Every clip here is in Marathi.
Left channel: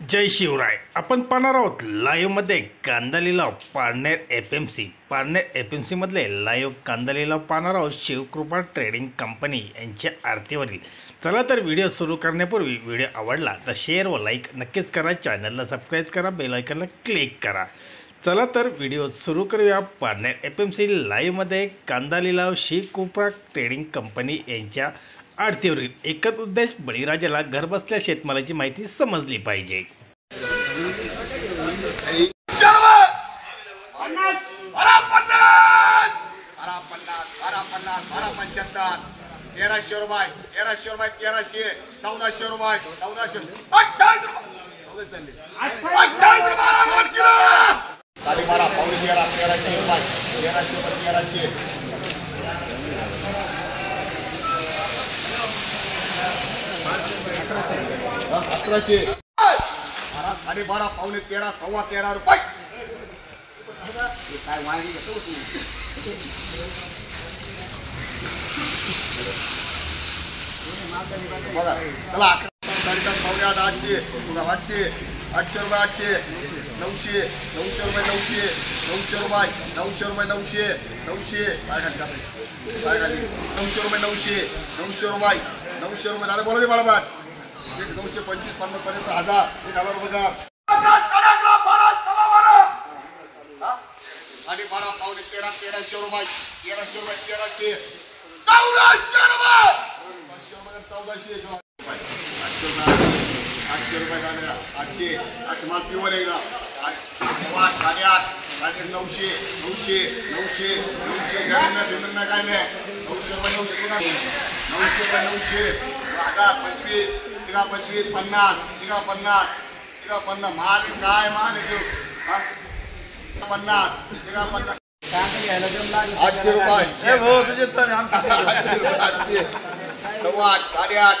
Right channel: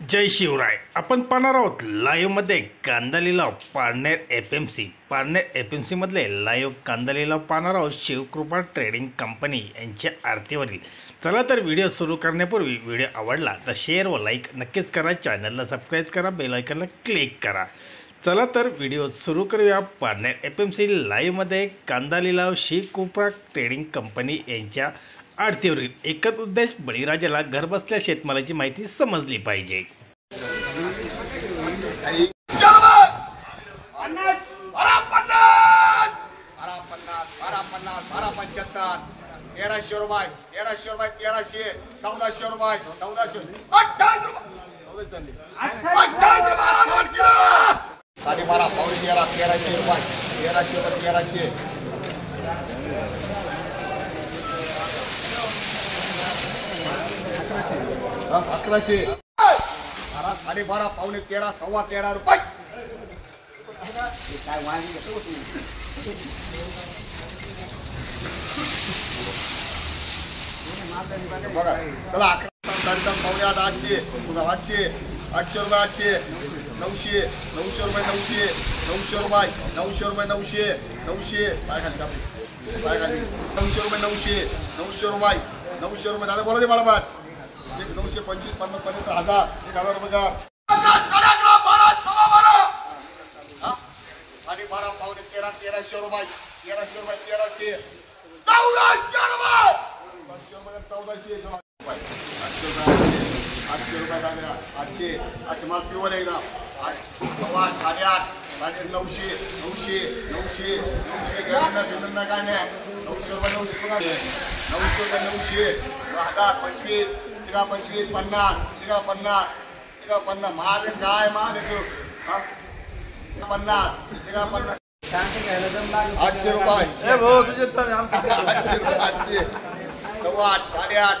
जय शिवराय। आपण पाहणार आहोत लाईव्हमध्ये कांदा लिलाव पारनेर एफएमसी मधले लाईव्ह कांदा लिलाव पाहणार आहोत शिवकृपा ट्रेडिंग कंपनी यांच्या आरतीवरील। चला तर व्हिडिओ सुरू करण्यापूर्वी व्हिडिओ आवडला तर शेअर व लाईक नक्कीच करा, चॅनलला सबस्क्राईब करा, बेल आयकॉनला क्लिक करा। चला तर व्हिडिओ सुरू करूया। पारनेर एफएमसी लाईव्हमध्ये कांदा लिलाव शिवकृपा ट्रेडिंग कंपनी यांच्या आरतीवरील। एकच उद्देश, बळीराजाला घरबसल्या शेतमालाची माहिती समजली पाहिजे। तेराशे रुपये 1300, 1400 रुपये 1400, 28 रुपये साडे 12 पावणे 13, 1300 रुपये 1300 1100 साडे 12 पावणे 13, 13.25 रुपये। काय वांगी घेतो तू? बघा चला 11 पावणे 8, 800 800 800 रुपये 800 900 900 रुपये 900 900 रुपये 900 रुपये 900 900 काय खाली काय खाली 900 रुपये 900 900 रुपये 900 रुपये दादा बोला दे बाळाबाट 925 50 पर्यंत 1000 1000 रुपये का 12 पावणे 13, 1300 रुपये 1300 रुपये 1300 1400 रुपये 1400 800 रुपये कांदा 800 8 माल प्युअर आहे ना 8 8 900 900 900 गाडीला बिलना कांदा 900 रुपये 900 रुपये 900 1000 25 तिघा 25 50 तिघा 50 माल काय माल आहे तो 50 तिघा 50 800 रुपये 800 सव्वा 8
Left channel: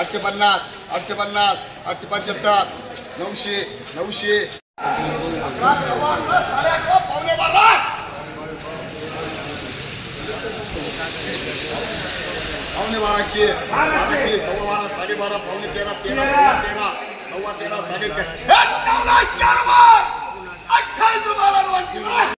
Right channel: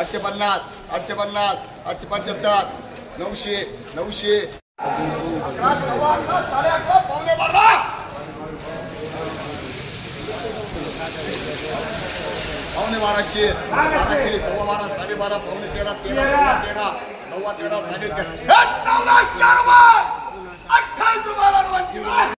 8.5 850 850 875 900 900 पावणे 12 पावणे 1200 सव्वा 12 साडे 12 पावणे 13 13 सव्वा 13 साडे 13 1400 रुपये 28 रुपये